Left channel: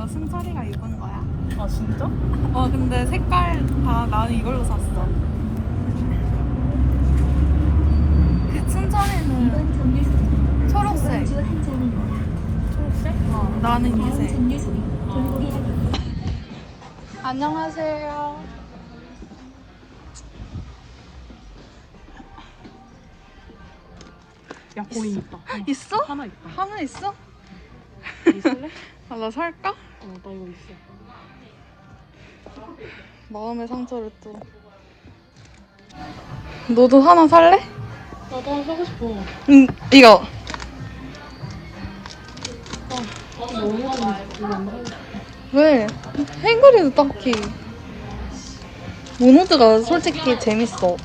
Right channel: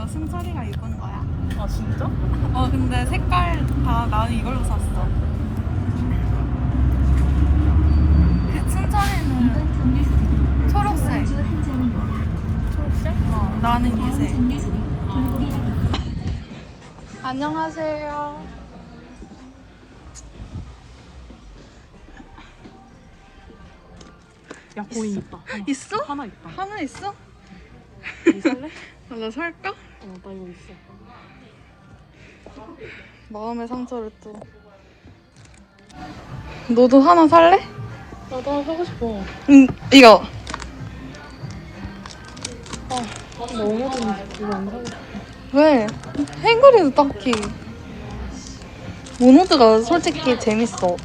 이거 승철이가 입은 거야. 아 진짜? 어 근데 색깔 다 나는 이걸로 샀어. 그 승철이는 초록색. 초록색? 어 나는 이 색. 안녕하세요. 야 거인 있다. 하나. 있어? 하나 있다. 하나 있어? 이 살래? 아, 나 살까? 어, 나 이거 있어. 마음의 상처를 또. 너도 하나 살래? 나도 하나 사고 싶어. 응, 이거. 너무. 왜? 행거리도 딱히. 모노드가 솔직히 재밌어.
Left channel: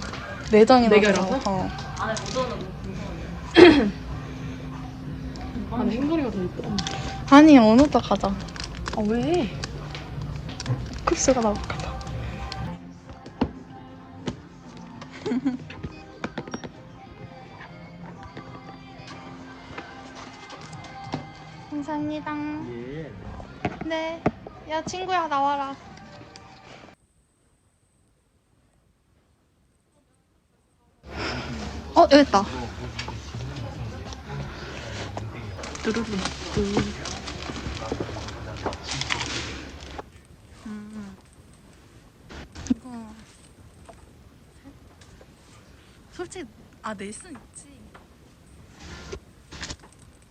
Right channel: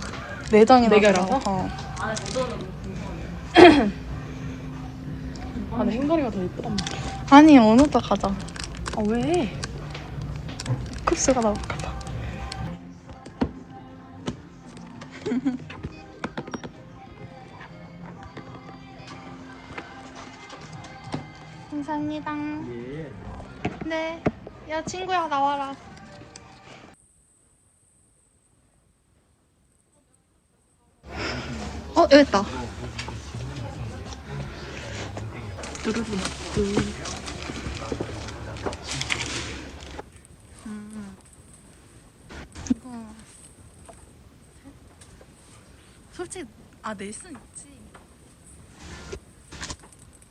내장이나. 내가. 알아서? 어. 나는 행거리가 더 예쁘단 말이야. 아니, 모노드 가자. 아 왜? 쿱스가 나올까봐. 감사합니다. 네. 야, 친구야, 나와라. 어, 여기 있다. 뚜루루. 이거. 솔직히, 아, 낼순 있지.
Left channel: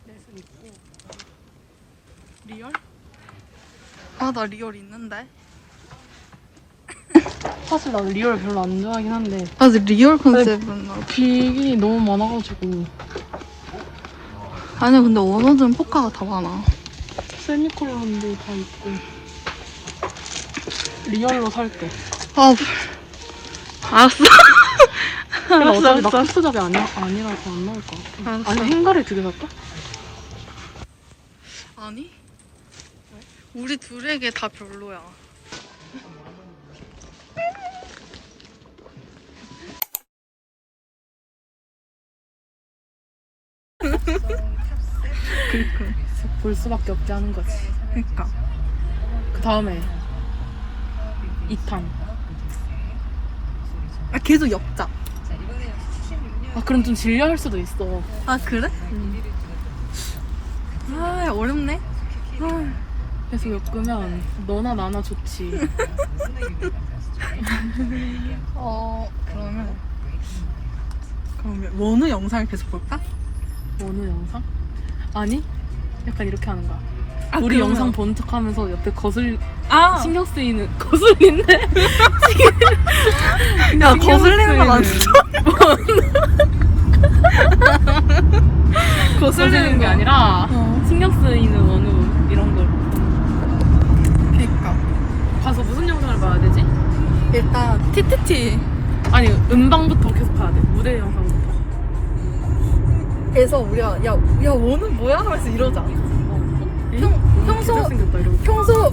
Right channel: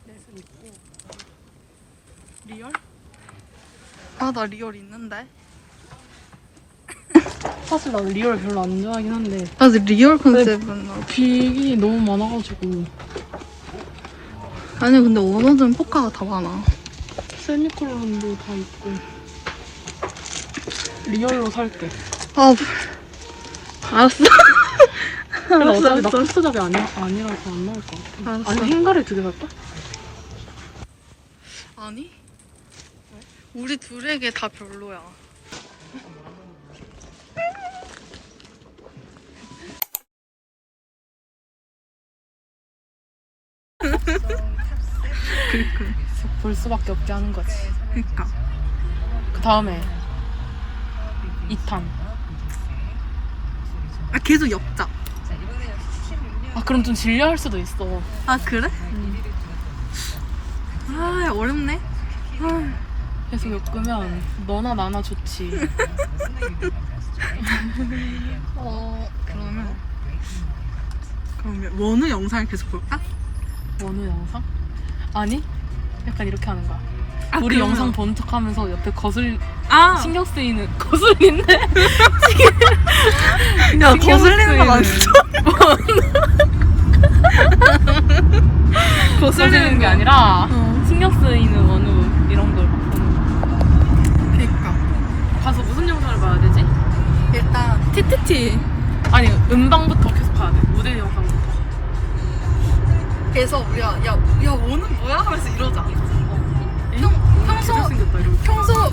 내손 있고. 리얼? 아, 나 리얼 있는데. 사실 나 리얼 별로 안 좋아하긴 한데 아, 근데 리얼 컨셉은 나. 기గిం이 너무 많아가지고 아니, 근데 원호드는 포카가 다 많아. 세미콜론도 다 있고 리얼로 살게. 아, 알았어. 알았어, 알았어. 잡이 아니라서 안 나올 것 같아. 알았어. 아니 두개 살까? 아니? 우리 둘에게 다 별로야. 그니까. 볼 수밖에 없게 하는 거지. 그니까. 그 다음에 2탄. 아, 계속 엮자. 아 그럼 좀 질려할 수도 있어. 아, 그래? 음. 아, 어렵네. 아, 계속 엮으면 너나 나나 좋지. 어, 그러면. 그러면 원우 영상을 계속 볼까? 원우 영상? 아니? 약간 이렇게 하는 거야. 아, 우리 그러면- 영상 본 척하면서 옆에 거슬 아, 신경 쓰이는 거슬리네. 야, 거슬리는 거 맞아. 거슬리는 게 거. 아니라 어. 신경 쓰이는 원우 이런 걸. 그니까. 가서 무슨 영상을 봐야 되지? 일단, TTT. 아니 음방부터 계속 봐야 돼. 무대 영상부터. 그래서 우리가, 야, 야, 원우 뭐야? 하면서 이러자. 평, 평소, 생겼다 이러고. 평소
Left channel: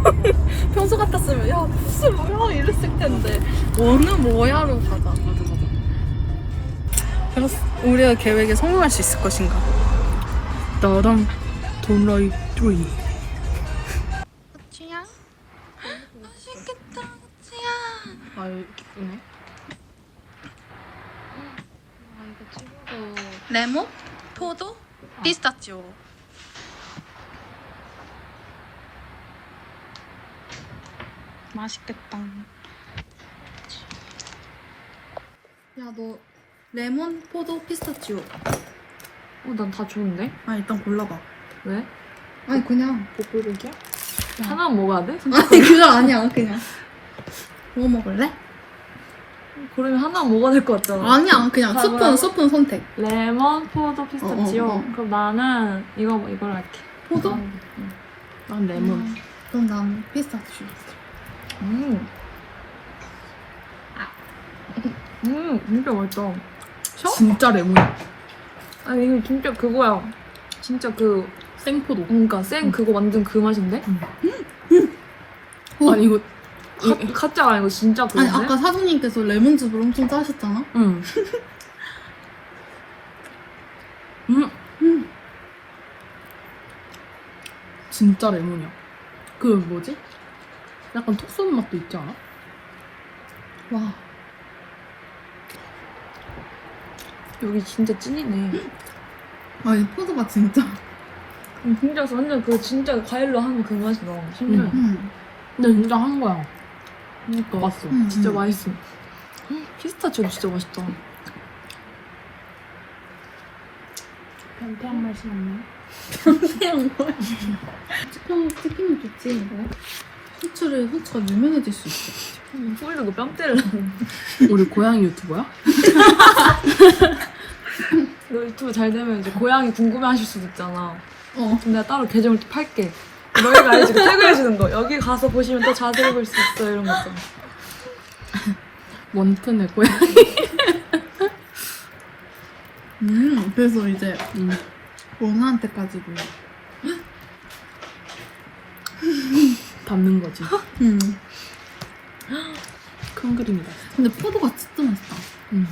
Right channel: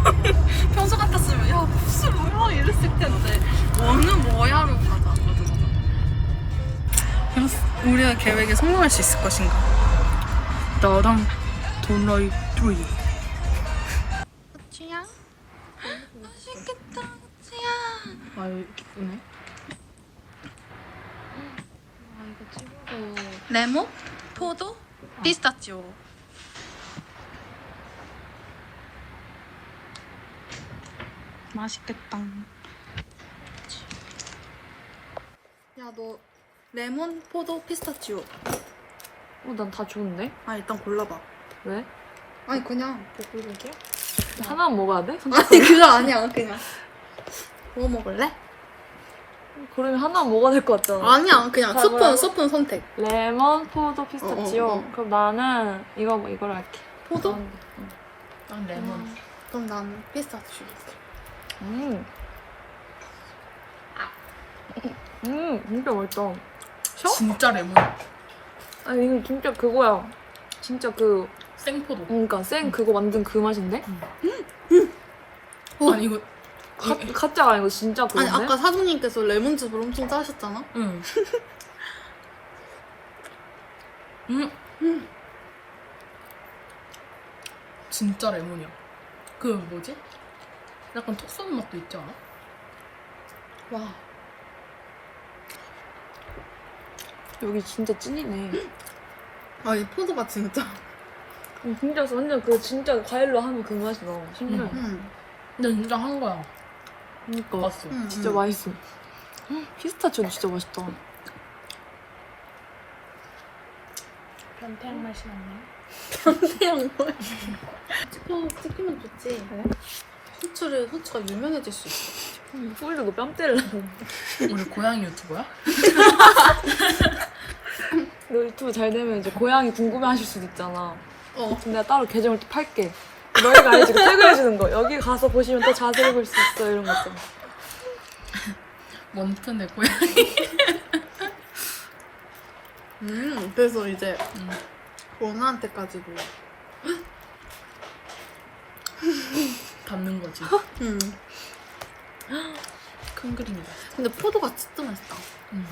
평소 같았으면 야 무슨 뭐야 이랬을 텐데 원은 뭐야로 가자. 우리의 계획에 성공할 수 있을 것인가? 나랑 돈라이 조이. 춘향 맛있겠다 춘향. 아유 기쁘네. 아 이거 친구. 레몬, 포도, 피스타치오. 맛있겠다. 야 너 레몬, 포도, 피스타치오. 어, 난 다 좋은데? 아 일단 골라봐. 왜? 아니 그냥 복불복이야? 하나 먹어야 돼? 아니 그거 아니야 그냥 뭐 먹을래? 그러면 하나 먹어야 될 것 같잖아. 아니야 그냥 아, 스푼 뭐야? 스푼 선택 레몬, 포도, 피스타치오. 어, 어, 어. 그럼 나는 이거 이걸 할게. 포도? 응. 난 레몬. 그럼 난 피스타치오 음. 음, 진짜 맛있다. 진짜 레몬이야 아니 이거 진짜 그거야. 진짜 그 생포도 그러니까 생 그거 만든 그 맛인데? 어. 아니 이거 이 카짜가 아니고 진짜 아니 그건데? 아까 사장님께서 레몬즙을 엄청 짜셨잖아 응. 음. 음. 진짜 레몬이야. 그 뭐지? 약간 톡 쏘는 맛도 있지 않아? 와. 여기 진짜 찐이네. 아니 포도가 진짜. 진짜 완전 그 진짜 과일로 하면 그 맛이 나. 진짜. 응. 응. 근데 진짜 한 거야. 그러니까. 맛있어. 응. 진짜 응. 맛있어. 피스타치오도 진짜 맛있다. 변태한 맛이 나네. 치킨 치킨은 좋지. 후추를 후추가 유명해질 수 있어. 소리도 뺨 때리려고. 우리 고양이 유튜버야? 너 유튜브 잘 되면 이제 고양이 궁금해하실 수도 있잖아. 어. 그럼 내가 따로 계정을 또 팔게. 너희가 알지? 태그해주는 거. 여기 가서 보시면 또 자세히 볼 수 있어. 이런 거 있잖아. 원튼의 고양이. 음. 그래서 이제 응. 원한테까지도. 담는 거지. 음. 큰 그림이다. 근데 포도가 진짜 맛있다. 응.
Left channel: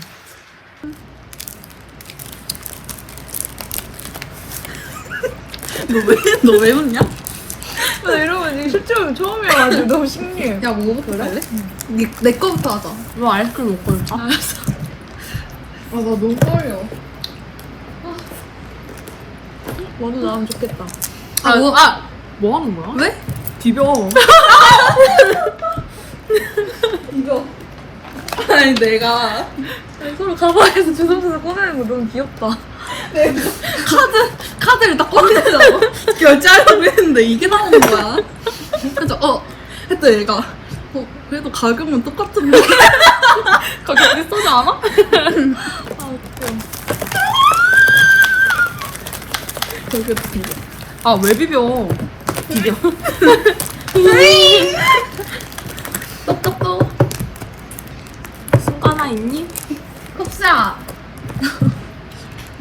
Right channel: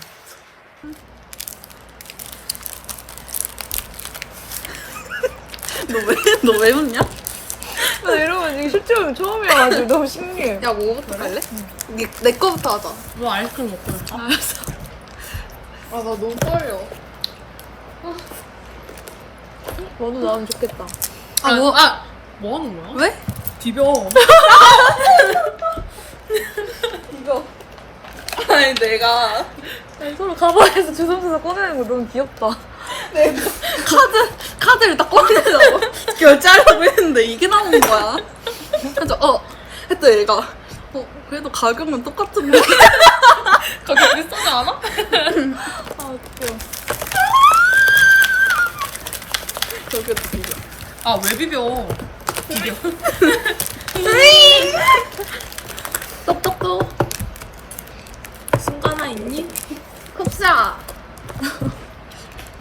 너왜 웃냐? 나 이러면 이 실제로 처음이어가지고 너무 신기해. 야 뭐부터 할래? 네, 내 거부터 하자. 너 아이스크림 먹고 있다? 아나 너무 떨려. 머리 나오면 좋겠다. 아, 뭐, 아! 뭐 하는 거야? 왜? 비벼. 이거. 아니 내가 서로 가방에서 주섬주섬 꺼내는 게 너무 귀엽다. 카드 카드를 딱 꺼내려고 결제하려고 했는데 이게 나오는 거야. 그래서 어 했더니 얘가 어 그래도 가격은 똑같은데. 가격 비싸지 않아? 되게 비벼. 아, 왜 비벼? 비벼. 또또또 쑥 하나 있니? 혹시야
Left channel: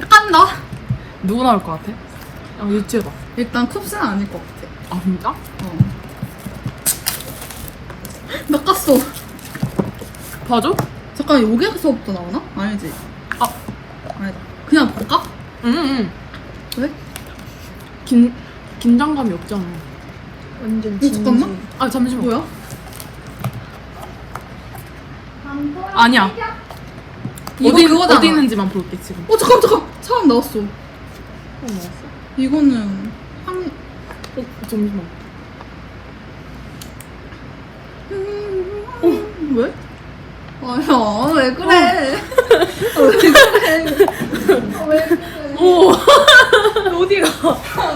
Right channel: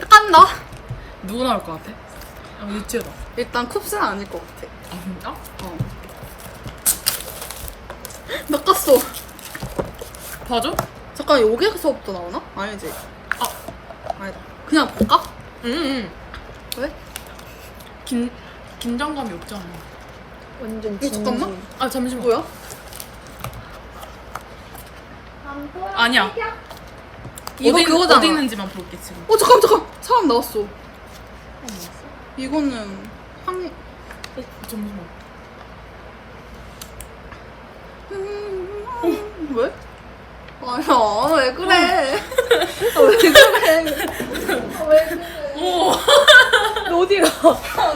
깐다. 누구 나올 것 같아? 야, 유치해봐. 일단 쿱스는 아닐 것 같아. 아, 진짜? 어. 나 깠어. 봐줘? 잠깐 여기서부터 나오나? 아니지. 아. 아니다. 그냥 볼까? 응, 응. 왜? 긴, 긴장감이 없잖아. 완전 이거 잠깐만. 아, 잠시만. 뭐야? 아니야. 어디. 어디 있는지만 볼게, 지금. 어 잠깐 잠깐 사람 나왔어. 나왔어? 이거는 한 어, 잠시만. 어, 왜? 아야 왜 그래? 아, 왜 그래? 오! 어디가?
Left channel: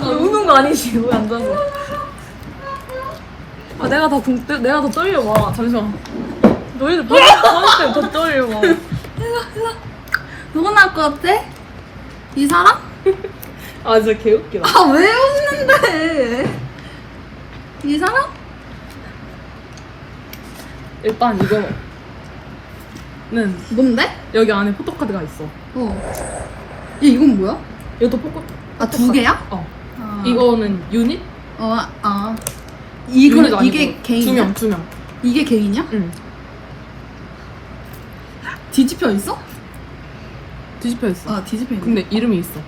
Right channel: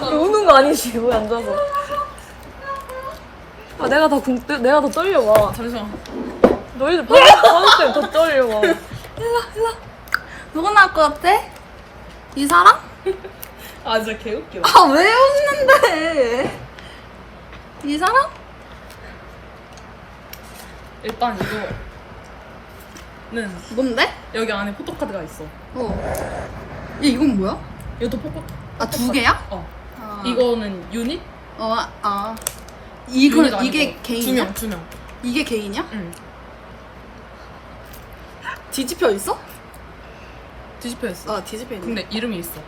나 우는 거 아니지? 뭐 앉아서. 아, 내가 더, 등, 내가 더 떨려, 와. 잠시만. 너희들 뭐 나한테 더 떨려, 와. 누가 나올 것 같아? 이 사람? 아, 진짜 개웃기다. 아왜 웃는데? 이 사람? 일단 이거는 뭔데? 여기 안에 포토카드가 있어. 어. 얘 이건 뭐야? 이것도 포토, 아 두 개야? 어. 아. 이거는 유닛? 어 아. 이거 유닛 이게 아니고 개인이야? 두 명, 두 명. 이게 개인이야? 응. 뒤집혀 있어? 뒤집혀 있어. 아 뒤집혀 있네. 근데 이름이 있어.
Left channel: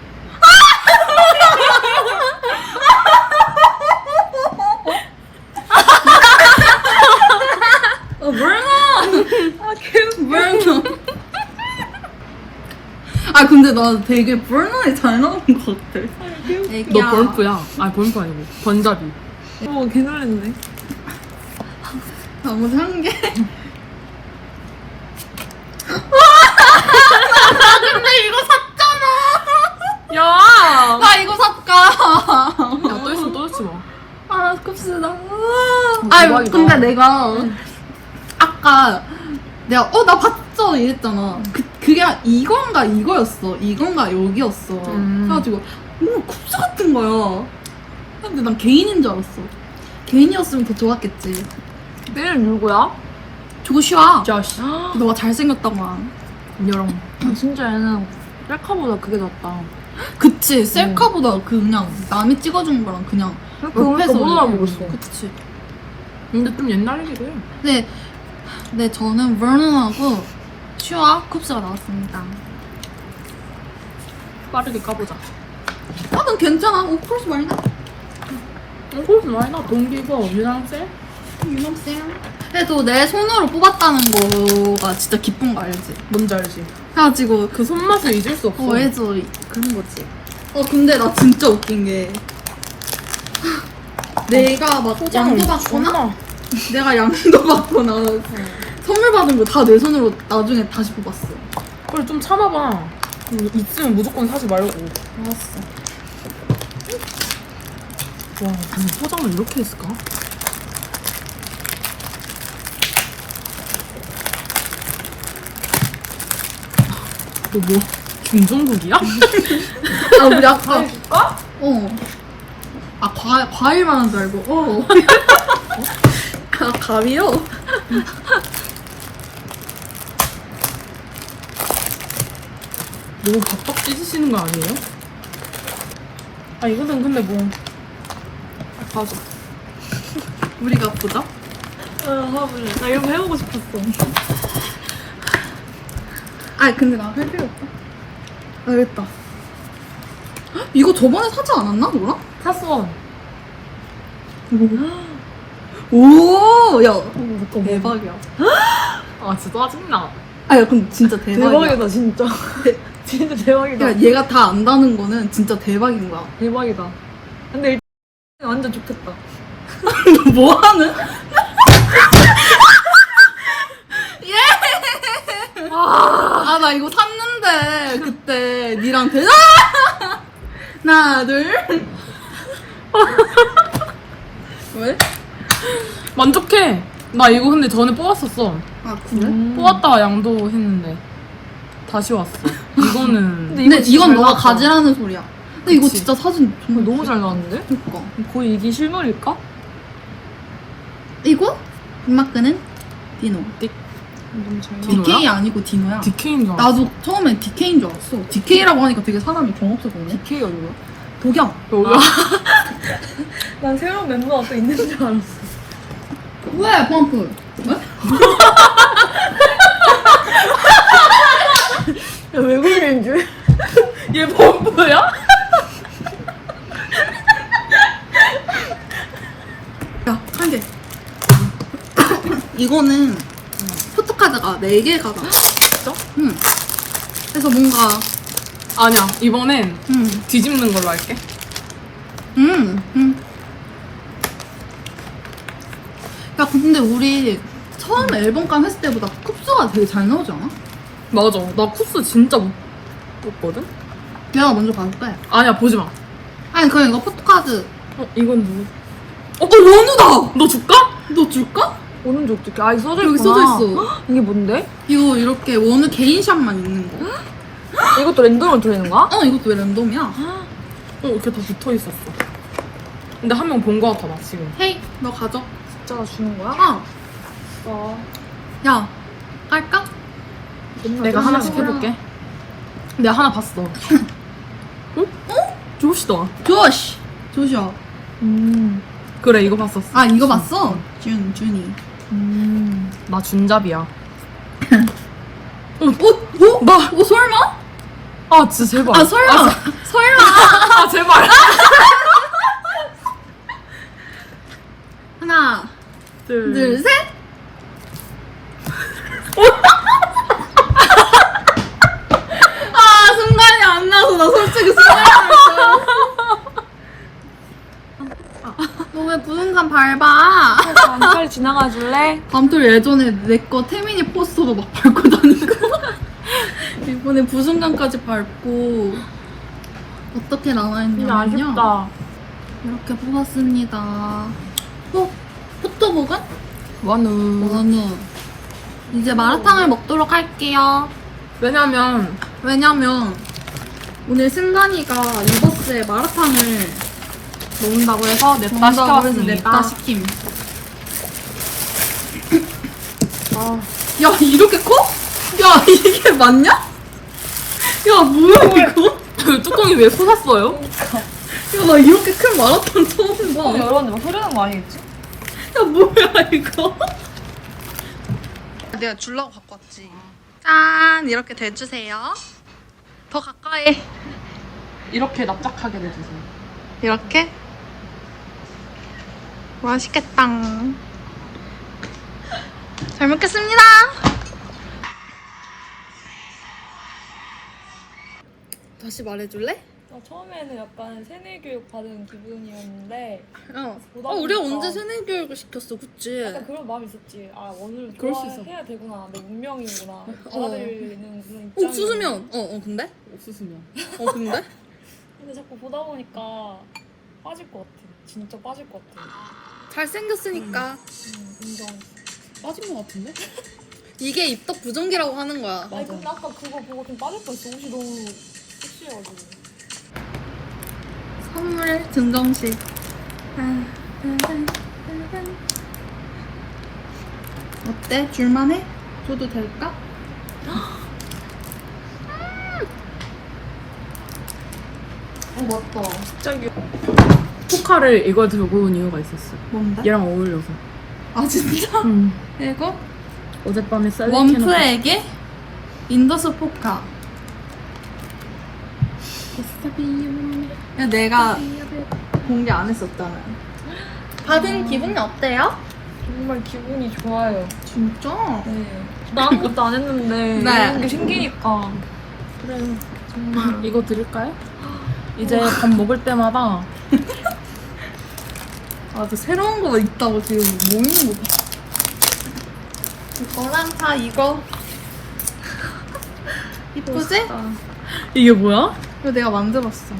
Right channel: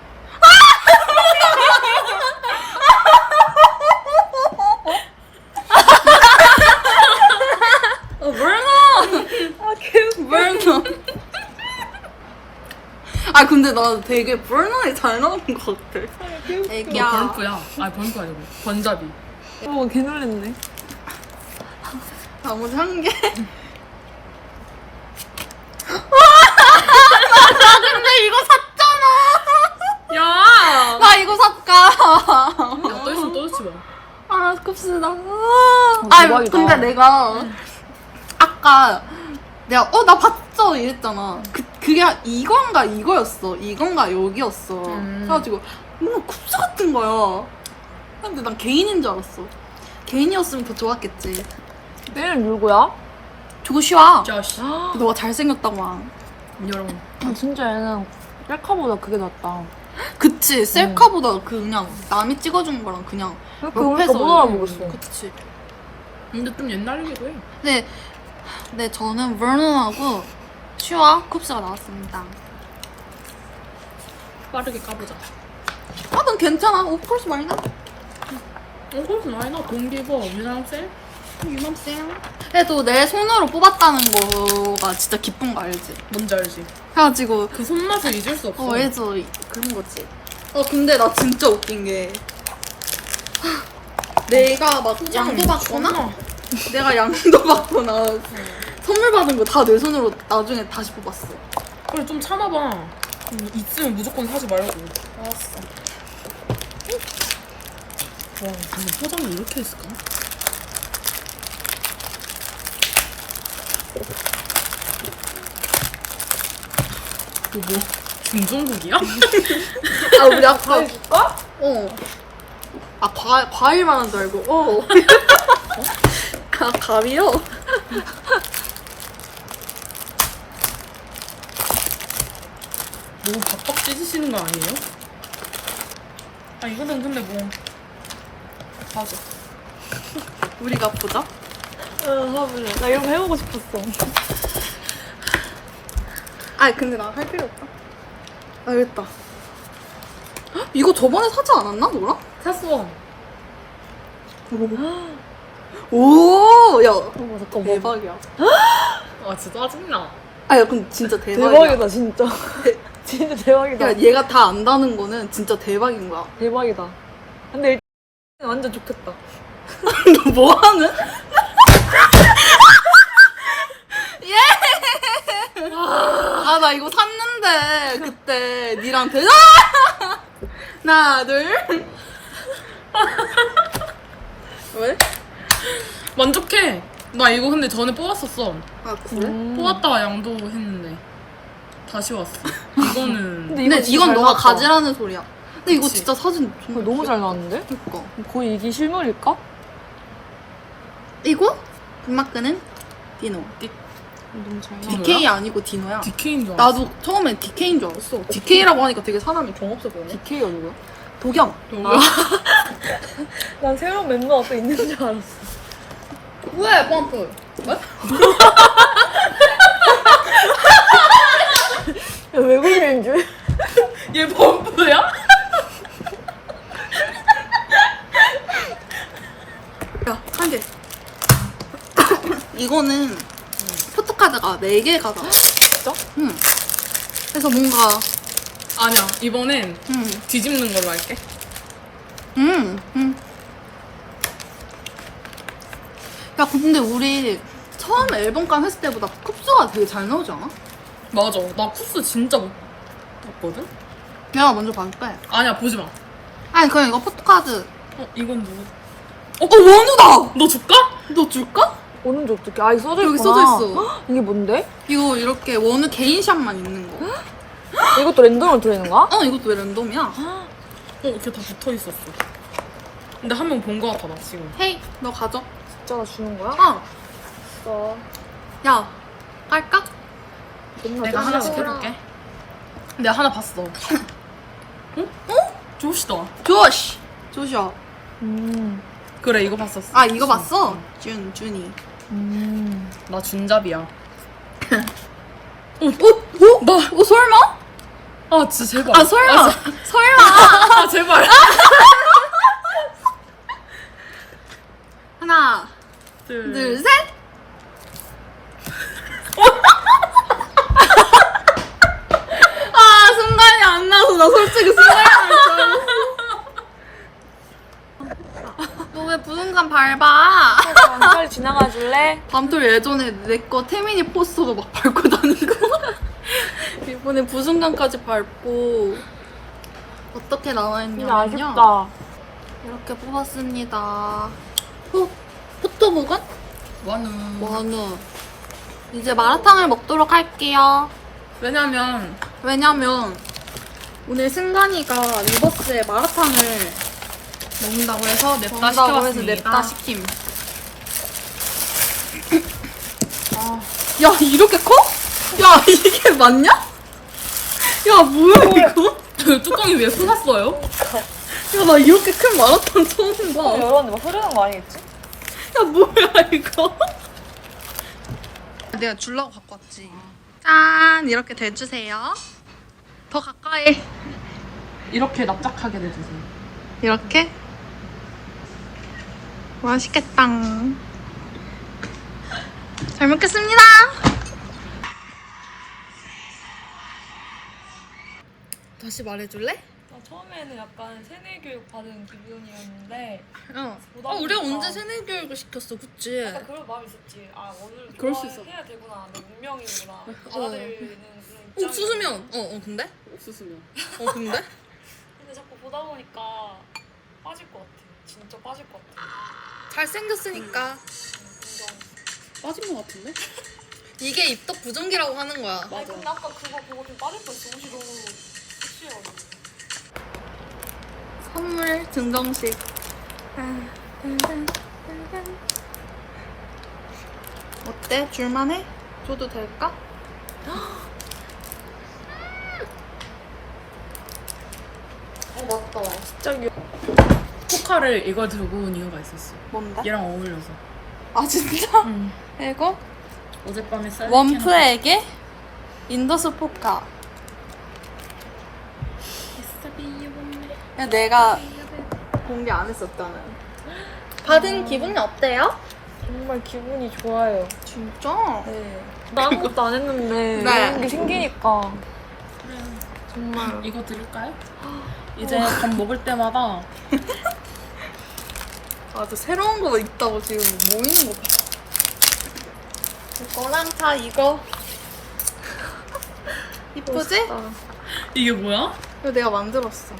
어 뭐야? 아, 개웃겨. 버너. 아 근데 나 되게 버너에 잘 나오는 것 같아. 너 벌프야. 아, 벌프 아니고. 번잡이. 오, 개 놀랬네. 나머지 한 개. 근데 이거 샀잖아. 야! 나 이거 샀까. 야, 떠있으면 떠있지 마. 아 너무. 아, 아 대박이다. 근데 내가 아까 내가 어 나 봤죠 이랬잖아. 그 그게 이건가 이거였어. 이건가 여기였어. 음. 그래가지고 뭔가 쿱스 같은 거야. 근데 난 개인인 줄 알았어. 개인이었으면 더 좋았겠지. 내일 누구야? 조슈아. 자씨. 너가 잘생겼다고 한. 인형. 진짜 얘는 셀카보다 그게 낫다. 그치 셀카보다 그냥 남이 찍어준 거랑 그냥 옆에서 못 알아보겠어. 그치 근데 좀 옛날이래. 네, 네 저는 버넌하고 슈아 쿱스가 나왔습니다 빠르게 까보자. 아 그럼 괜찮아 오프로스 말인데 이거 말나 공기가 유난세? 그래도 내 손으로 뽑았다는 거가 진짜 기쁜 거 알지? 뭔지 알지? 그래가지고 그 손맛을 잊을 수 없어. 어 해줘 그런 거지. 어 근데 나 진짜 웃긴 게 내가 막 양도 받거나 내가 양도 받거나 선물 받은 거 다 내 손으로 나중에 다시 뽑았어. 그래 좀 참아봐. 음, 있으면 무조건 사지 말고. 알았어. 와, 근데 포장을 이렇게 했을까? 너 뭐, 김종국이야? 아 우리 아까 어. 아 과, 과일만 한 줄 알고 어. 아 가위로? 너무 박박 찢으시는 거 아니에요? 아, 이거는 근데 뭐. 맞아. 우리가 아프다? 나 이런 거 해보고 싶었어. 아 근데 나 할 필요 없다. 알겠다. 헉, 이거 저번에 사지 않았나 너랑? 샀어. 오, 야 어, 대박이야. 아, 진짜 짜증나. 아, 야 근데 진짜 대박이야. 진짜. 진짜 대박이다. 야 얘가 다 안다는 거는 진짜 대박인 거야. 대박이다. 근데 일단 완전 좋겠다. 뭐 하는? 예! 아, 나 이거 샀는데, 그때, 니랑 대, 아! 하나, 둘. 왜? 만족해. 나 이거 근데 전에 뽑았었어. 아, 그래? 뽑았다가 양도 했는데 다시 왔어. 이거는 근데 이건 너가 가지라는 소리야. 근데 이거 그치. 진짜 사진 정말 너무 잘 나왔는데? 그니까. 거의 이게 실물일까? 이거? 금마크는 디노. 너무 잘 DK 아니고 디노야. DK인 줄 알았어. 나도 처음엔 DK인 줄 알았어. DK라고 하니까 되게 사람이 정없어 보이네. DK 얼굴. 도겸. 여기야? 난 새로운 멤버 앞에 있는 줄 알았어. 왜 펌프? 왜? 외국인인 줄? 얘 범프야? 야, 한 개. 이거는 포토카드가 4개가 잖아 진짜? 응. 그래서 뭔가, 아니야. 이번엔 응, 뒤집는 걸로 할게. 응, 응. 야, 근데 우리 처음 앨범감 했을 때보다 쿱스가 되게 잘 나오지 않아? 맞아. 나 쿠스 진짜 못 봤거든? 걔가 먼저 봐도 돼. 아니야, 보지 마. 아니, 그냥 이거 포토카드. 어, 이건 누구? 어, 원우다! 너 줄까? 너 줄까? 오는지 어떻게? 아, 써져 여기 써져 있어. 이게 뭔데? 이거 이렇게 원우 개인샷만 있는 거. 이것도 랜덤으로 들어있는 거야? 어, 이것도 왜 랜덤이야? 어, 이렇게 다 붙어 있었어. 근데 한 명 본 거 같아, 나 지금. 헤이, 너 가져. 진짜 주는 거야? 어. 어. 야, 갈까? 내가 하나씩 해볼게. 내가 하나 봤어. 응? 어? 조시다. 조시! 조시야. 음. 그래, 이거 봤었어. 아, 이거 봤어? 준, 준이. 음. 나 준잡이야. 어? 어? 나, 어, 설마? 아, 진짜 제발. 아, 설마. 아, 설마. 아, 제발. 하나, 둘, 둘, 셋. 아, 순간이 안 나서 나 솔직히 순간이 났어. 너왜 부승산 밟아? 빨리 지나가 줄래? 남돌 예전에 내 거 태민이 포스터도 막 밟고 다니고 이번에 부순간까지 밟고 어떻게 나와있냐면요 이렇게 뽑았습니다 어? 포토북은? 완우. 원우 이제 마라탕을 먹도록 할게요 왜냐면, 왜냐면 오늘 승관이가 리버스에 마라탕을 먹는다고 해서 냅다 먹는다고 해서 냅다 시켜봤습니다. 시킴 아, 야 이렇게 커? 야 이게 맞냐? 야 뭐야 이거? 그 뚜껑이 왜 쏟았어요? 야나 이렇게 큰 마라탕 처음 봐. 야 열었는데 막 흐르는 거 아니겠지? 뭐야 이거? 내가 줄라고 갖고 왔지. 짠 이렇게 대주세요. 더 가까이 이렇게 납작하게 내주세요. 이렇게 맛있겠다. 잘 먹겠습니다. 다시 말해줄래? 나 처음에는 약간 세뇌 교육 받은 기분이었는데 어. 보다 어, 우리가 보니까- 언제 세뇌 교육을 시켰어, 그치? 약간 그런 마음이 있었지. 아 오늘 그럴 수 있어. 좋아해야 되구나. 내 문명이구나. 받아들이는 그런 어, 옥수수면. 어, 어, 근데? 옥수수면. 어, 근데? 근데 자꾸 보다 보니까 빠질 것 같아. 진짜 빠질 것 같아. 잘생겼으니까. 음, 인정. 빠진 것 같은데? 이게 입덕 부정기라고 하는 거야. 아니 근데 아까 그거 보고 좀 빠질 뻔했어. 옷이 너무 섹시해가지고. 선물 증정식. 어때? 줄만해? 줘도 될까? 어 맞다. 갑자기. 쿠카를 이거 들고 온 이유가 있었어. 뭔데? 얘랑 어울려서. 아, 진짜? 응. 이거? 어젯밤에 쌀 원프에게 인더스 포카. 야, 내가 공개 안 했었잖아. 받은 기분이 어때요? 정말 기분이 좋아요. 진짜? 네. 나 아무것도 안 했는데 네. 이게 생기니까 그래. 이거 드릴까요? 이제 밥 먹을 때마다 아, 저 새로운 거가 있다고 지금 뭐 있는 거 봐. 너랑 다 이거. 이쁘지? 이게 뭐야? 이거 내가 만들었어.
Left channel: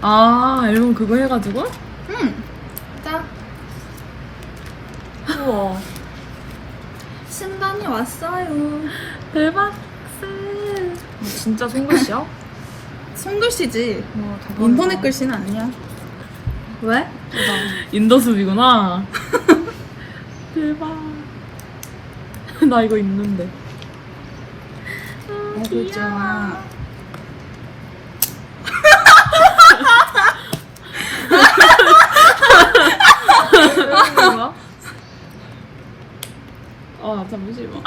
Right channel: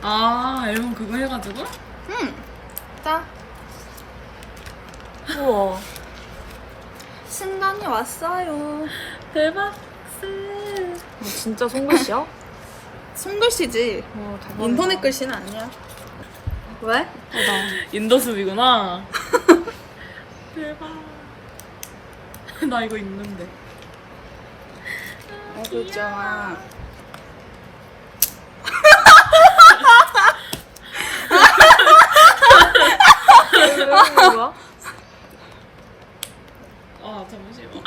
아 앨범 그거 해가지고? 응. 짠. 우와 신간이 왔어요. 대박 너 진짜 손글씨야? 손글씨지. 어. 인터넷 글씨는 아니야. 왜? 인더스이구나 대박 나 이거 있는데 이거 있잖아. 아 잠시만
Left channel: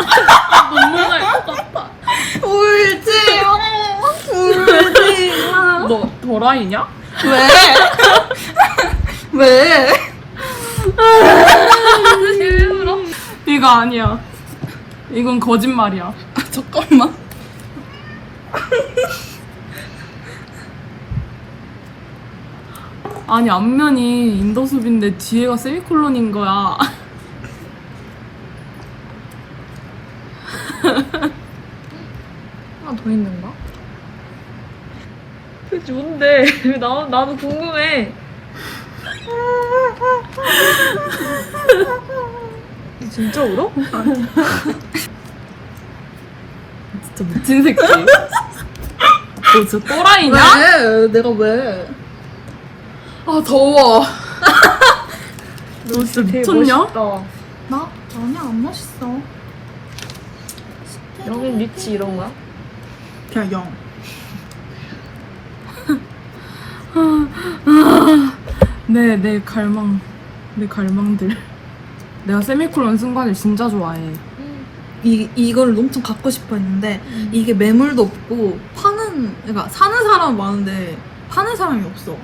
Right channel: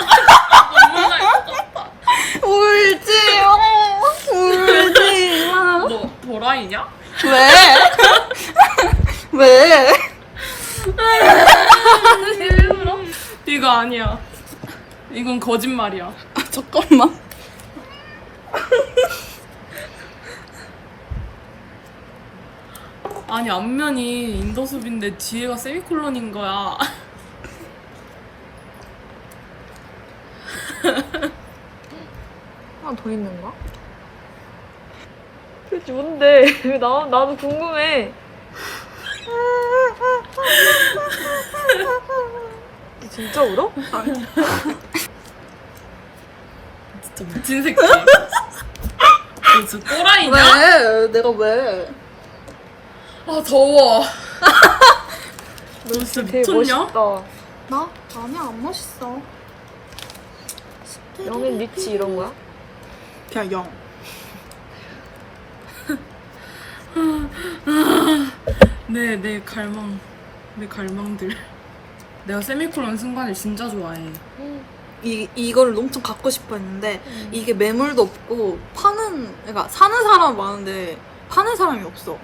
눈물 날것 같아 울지 울지 너 도라이냐? 왜? 왜? 이거 아니야 이건 거짓말이야 잠깐만 아니 앞면이 인더숲인데 뒤에가 세미콜론인 거야 하나 더 있는가? 그게 뭔데? 나, 나도 궁금해. 진짜 울어? 진짜 미친 새끼 너 진짜 또라이냐? 왜? 내가 왜? 아 더워 너 진짜 미쳤냐? 멋있다. 나? 아니야 안 멋있어 여기 리치 이런 거야? 그냥 영 네, 내 갈망, 내 갈망들. 내가 세미콜론 순간을 진짜 좋아해. 이, 이걸 엄청 갖고 싶어 했는데 이게 매물도 없고 파는 그러니까 사는 사람은 많은데 파는 사람이 없어.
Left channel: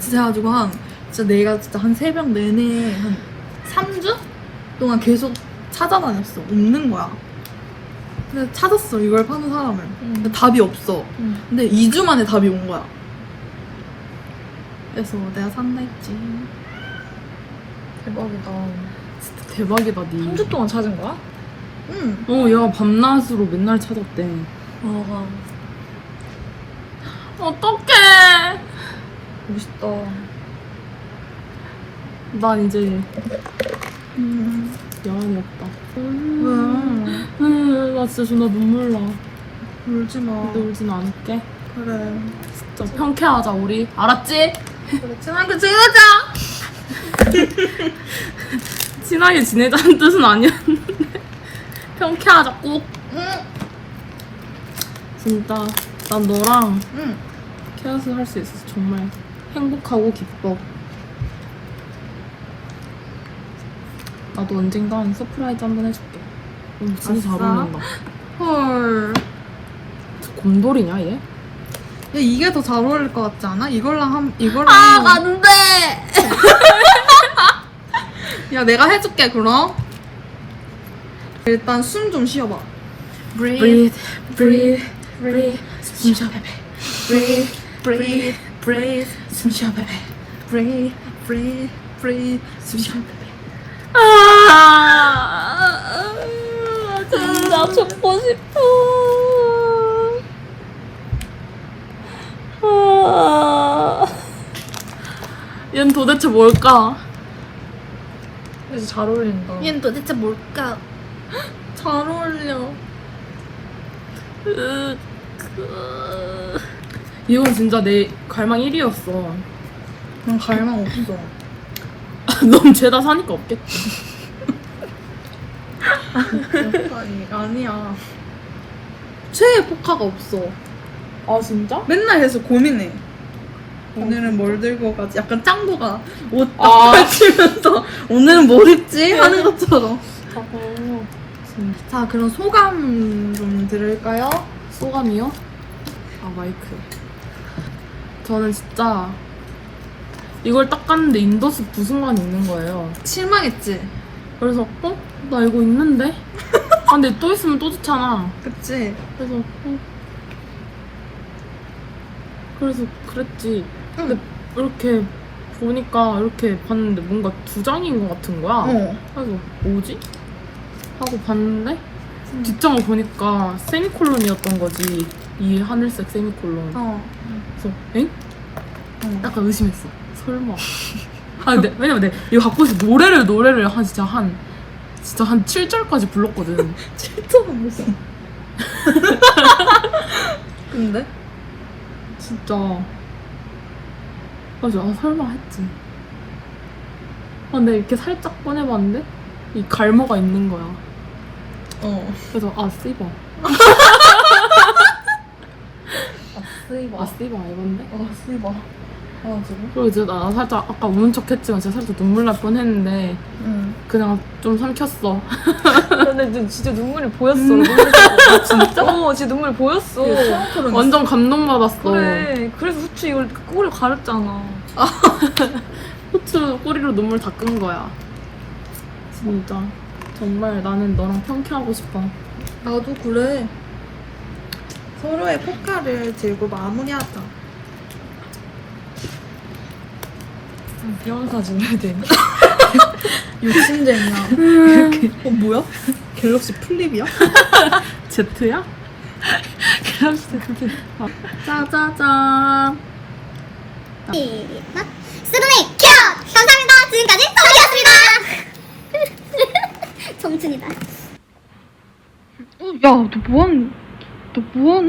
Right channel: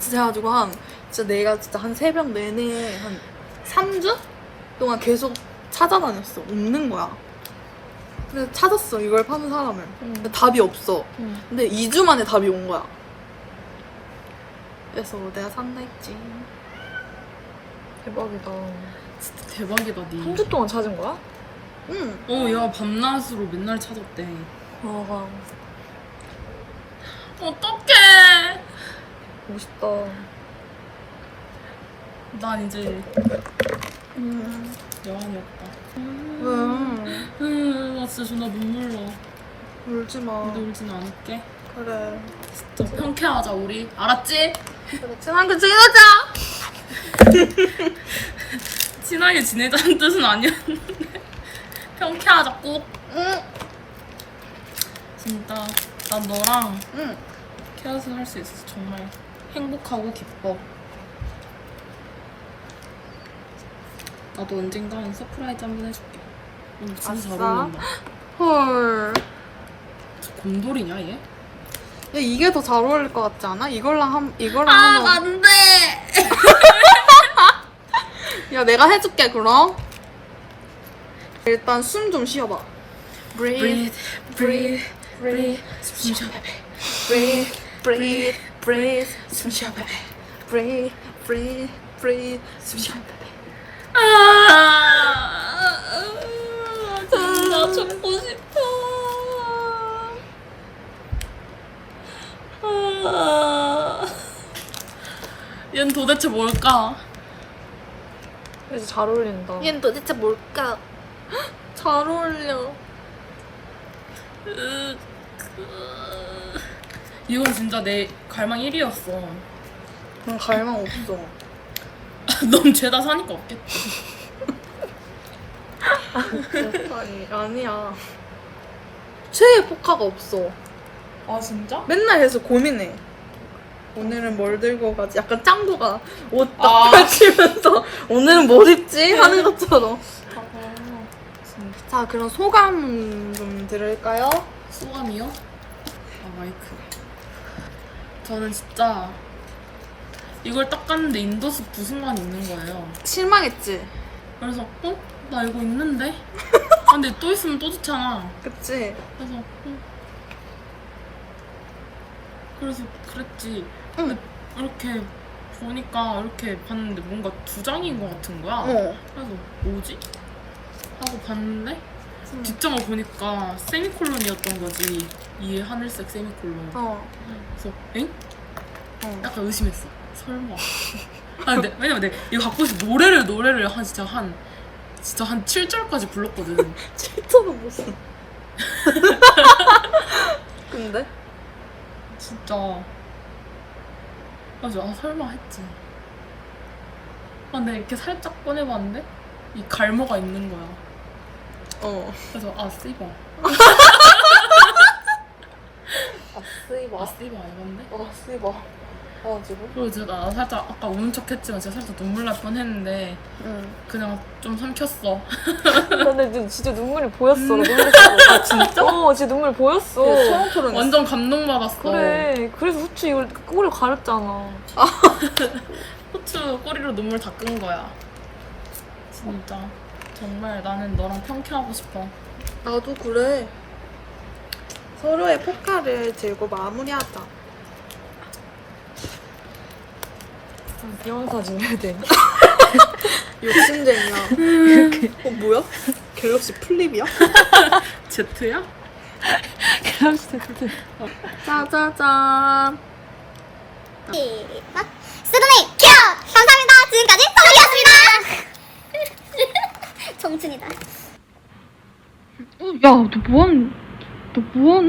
진짜 가지고 한 진짜 내가 진짜 한 새벽 내내 한 3주 동안 계속 찾아다녔어. 없는 거야. 근데 찾았어 이걸 파는 사람을. 근데 답이 없어. 응. 근데 2주 만에 답이 온 거야 그래서 내가 산다 했지 대박이다. 진짜 대박이다, 니. 3주 동안 찾은 거야? 응 어, 얘가 밤낮으로 맨날 찾았대. 어, 어떡해. 멋있다. 난 이제 음. 영혼이 없다. 음. 음, 나 진짜 존나 눈물 나. 울지 마 근데 울진 않을게. 그래 진짜 평쾌하자, 우리. 알았지? 친하게 지내자 친하게 지내자는 뜻은 아니었는데. 평쾌하자, 꼭. 응 진짜. 난 너랑 응. 케어스 할수 있어서 정말 행복하고 기뻐. 나도 언젠간 서프라이즈 한번 해줄게. 응, 진짜 잘 아싸. 어울린다. 헐. 저 곰돌이냐, 얘? 야, 이게 더 잘 어울릴 것 같지 않아? 이걸랑 한, 이걸랑. 안 돼! 야, 내가 해줄게, 그럼. 일단 숨 좀 쉬어봐. breathe breathe breathe 숨 쉬어 breathe, breathe, breathe, 숨 쉬어, baby. breathe, breathe, breathe, 숨 쉬어, baby. 아나 죽고 싶어. 아. 얘는 도대체 뭘까? 그래서 잘 어울린다. 얘는 도대체 뭘까? 잘 어울려. 이건 진짜 내 갈망 1위였어 난 갈망 없어. 넌 죄다 사니까 없겠지 아니, 아니야. 최애 포카가 없어. 아 진짜? 맨날 해서 고민해. 오늘은 뭘 들고 가지? 약간 짱구가 옷 아. 펼치면서 오늘은 뭘 입지? 하는 것처럼. 어. 자, 그럼 소감 좀 들을까요? 소감이요? 아 마이크 저는 진짜 이걸 딱 갔는데 인더스 부순간이 있는 거예요 실망했지? 그래서 어? 나 이거 있는데? 아 근데 또 있으면 또 좋잖아 그치? 그래서 어. 그래서 그랬지 근데 이렇게 보니까 이렇게 봤는데 뭔가 두 장인 것 같은 거야 어. 그래서 뭐지? 하고 봤는데 뒷장을 보니까 세미콜론이었던 거지 이 하늘색 세미콜론 어. 그래서 엥? 어. 약간 의심했어 설마 아 근데 왜냐면 내가 이거 갖고 있어 노래를 노래를 한 진짜 한 진짜 한 7절까지 불렀거든 칠토가 무슨. 근데? 진짜 맞아 아 설마 했지 아, 근데 이렇게 살짝 꺼내봤는데 이 갈모가 있는 거야 어. 그래서 아 씨바 쓰이버. 아 씨바 이건데 어, 쓰이버. 아, 지금? 그리고 이제 나 살짝 아까 우는 척 했지만 진짜 살짝 눈물 날 뻔 했는데 응. 그냥 좀 삼켰어 근데 진짜 눈물이 보였어. 진짜? 어, 진짜 눈물이 보였어. 완전 감동받았어 그래. 그래서 후추 이걸 꼬리 가렸잖아. 후추 꼬리로 눈물 닦은 거야 진짜 정말 나는 너랑 평행하고 싶어 나도 그래. 서로의 포카를 들고 마무리하자. 해야 되니? 욕심쟁이야. 어, 뭐야? 갤럭시 플립이야? 제트야? 짜자잔. 시작. 스드메이 켜! 감사합니다. 지금까지 소리였습니다. 정춘이다. 어, 야, 너 뭐하는, 너 뭐하는?